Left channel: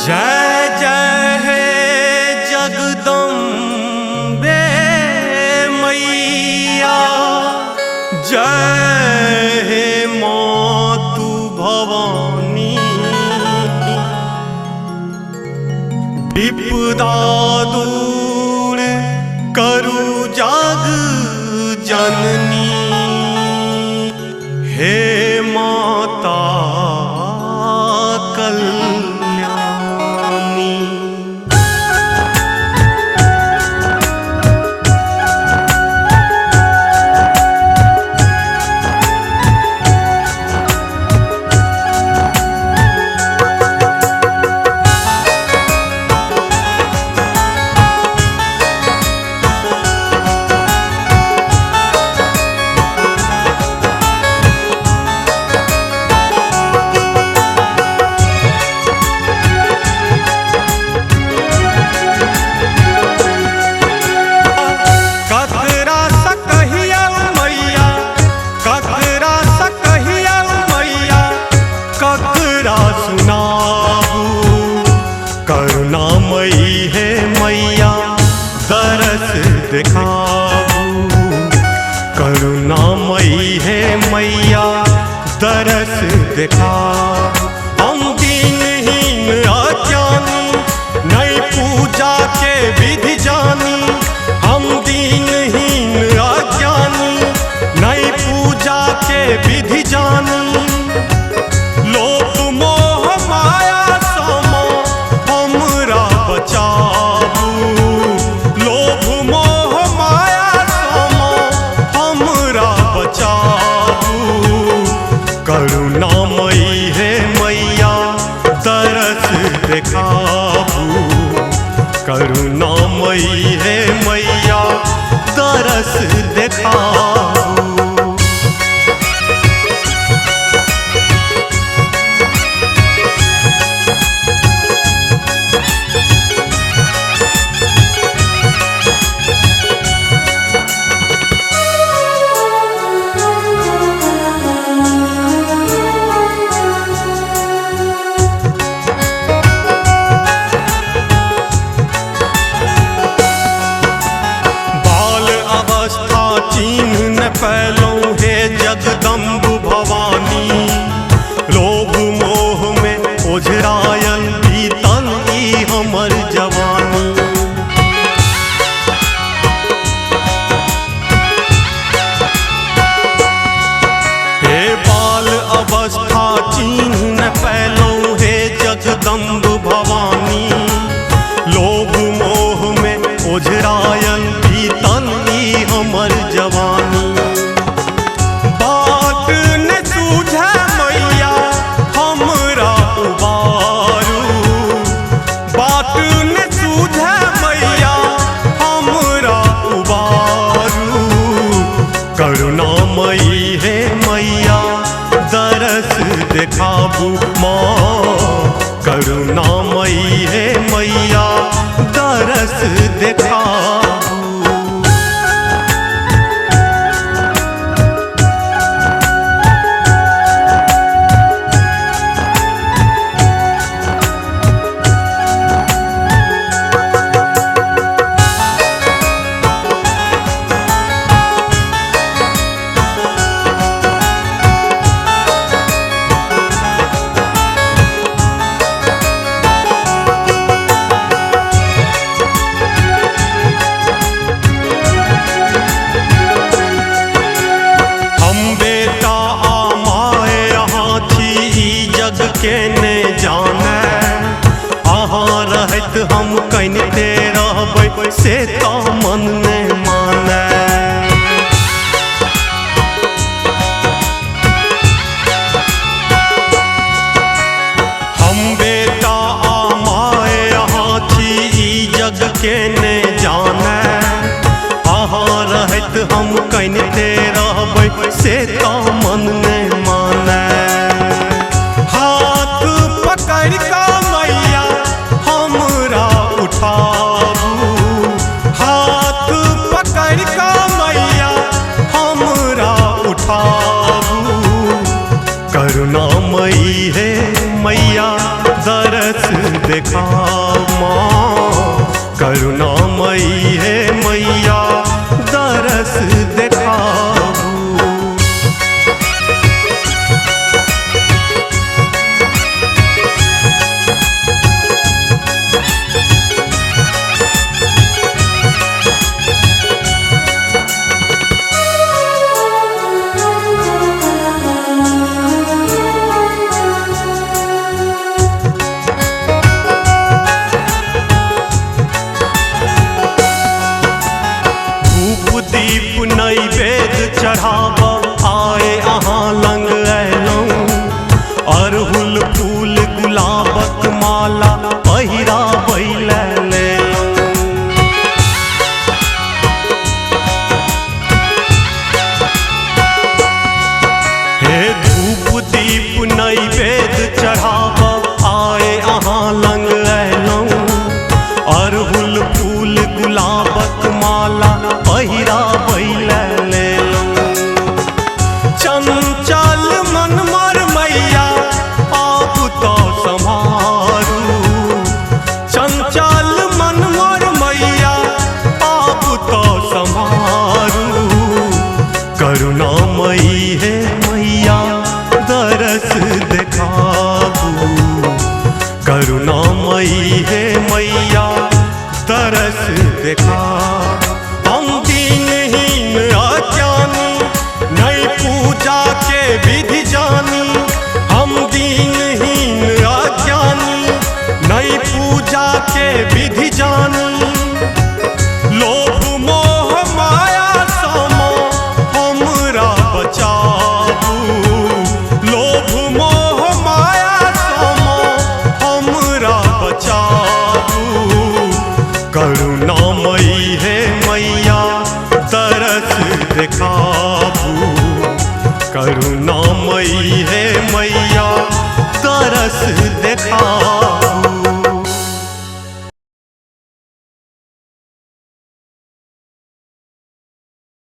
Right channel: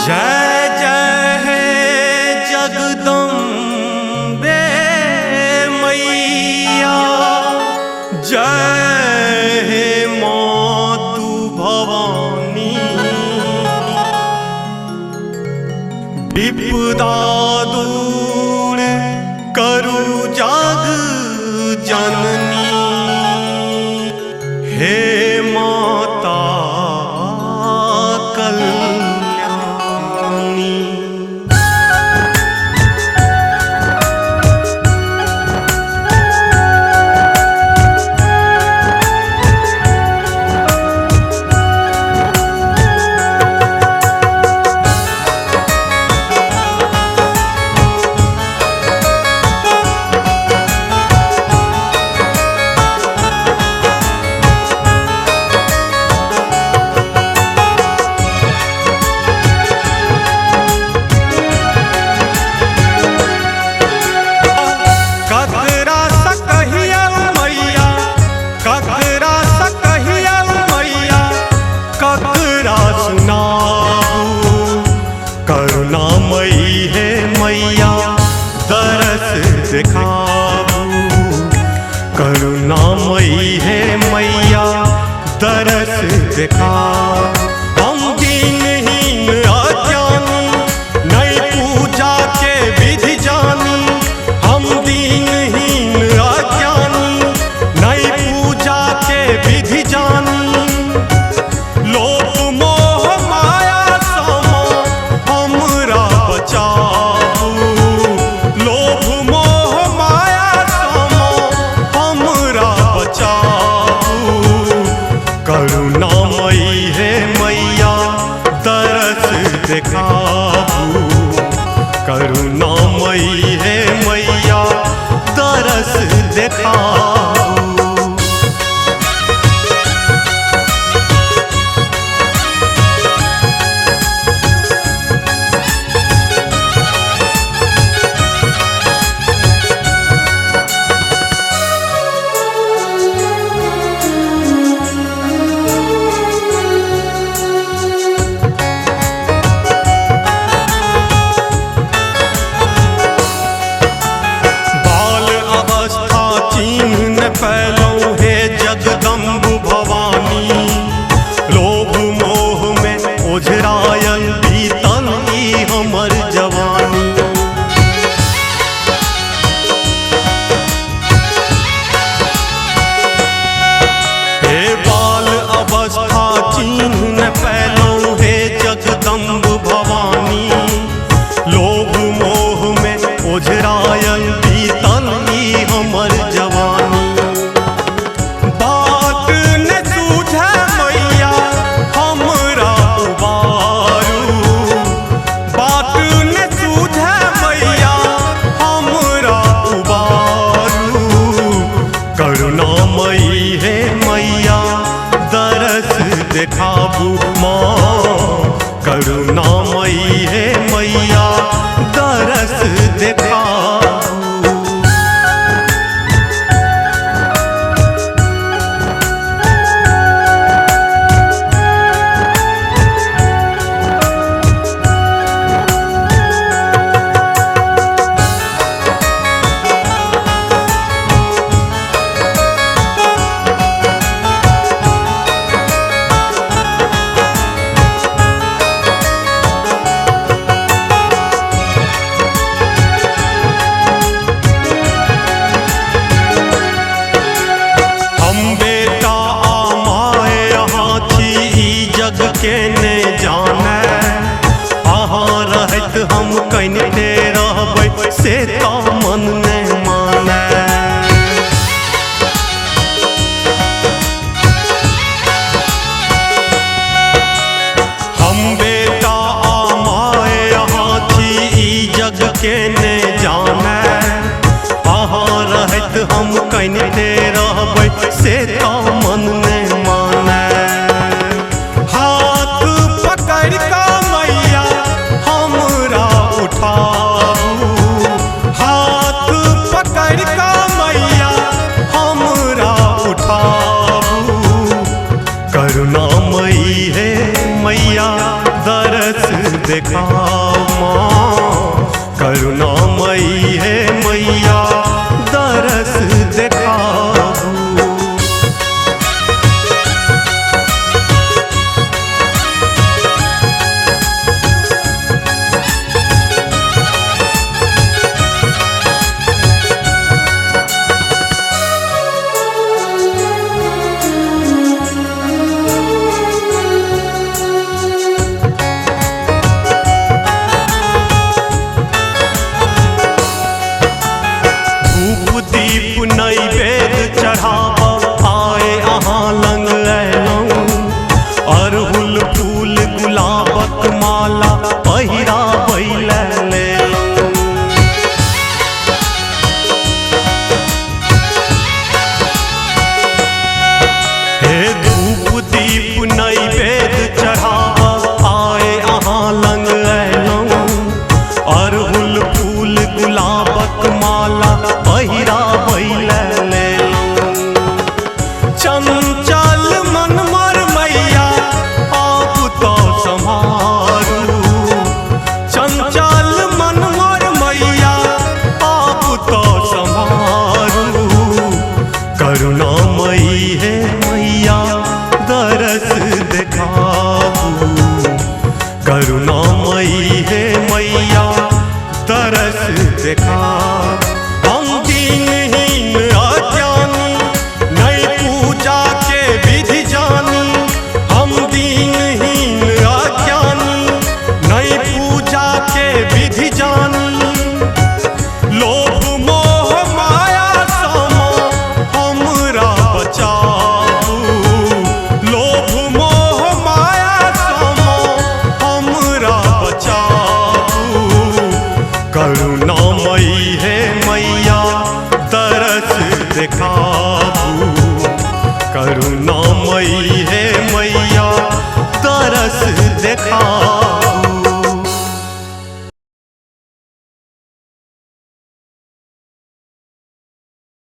जय जय है जगदम्बे मैया, जय हे मातु भवानी। विपदा दूर करु जग जननी, हे माता कल्याणी। ककरा सुनाबू करुणामयी है मैया, दरस दिखाबू। करुणामयी है मैया, दरस दिखाबू। हम दीनहीन अज्ञानी, नहीं पूजा के विधि जानी। हम दीनहीन अज्ञानी, नहीं पूजा के विधि जानी। लोभ मोह माया समा हमरा बचाबू। लोभ मोह माया समा हमरा बचाबू। करुणामयी है मैया, दरस दिखाबू। करुणामयी है मैया, दरस दिखाबू। चिन्ह न फैलो हे जगदम्ब भवानी। लोभ मोह में ओझरायल बीतल ई हमर जवानी। हे बाल अवस्था चिन्ह न फैलो हे जगदम्ब भवानी। लोभ मोह में ओझरायल बीतल ई हमर जवानी। बात न सूझे मैया हमरा उबारू। बात न सूझे मैया हमरा उबारू। करुणामयी है मैया, दरस दिखाबू माँ। करुणामयी है मैया, दरस दिखाबू। बेटा आ माए यहाँ थी ई जग के ने जाने। अहाँ रहत हम कनिते रहबै से तो मन ने माने। हम बेटा आ माए यहाँ थी ई जग के ने जाने। अहाँ रहत हम कनिते रहबै से तो मन ने माने। हाथ पकड़ का मैया हमरा उठाबू। हाथ पकड़ का मैया हमरा उठाबू। करुणामयी है मैया, दरस देखाओ माँ, करुणामयी है मैया दरस देखाबू। दीप नैवेद्य चढ़ाब आए अहाँ लंग अयलौं, अरहुल फूल गुलाबक माला पहिराबै लेलौं। हे धूप दीप नैवेद्य चढ़ाब आए अहाँ लंग अयलौं, अरहुल फूल गुलाबक माला पहिराबै लेलौं। चंचल मन मर मैया आप तो सम्हारू, चंचल मन मर मैया आप तो सम्हारू। करुणामयी है मैया दरस देखाबू, करुणामयी है मैया दरस देखाबू। हम दीनहीन अज्ञानी नहीं पूजा के विधि जानी, हम दीनहीन अज्ञानी नहीं पूजा के विधि जानी। लोभ मोह माया समा हमरा बचाबू, लोभ मोह माया समा हमरा बचाबू। करुणामयी है मैया दरस देखाबू, करुणामयी है मैया दरस देखाबू।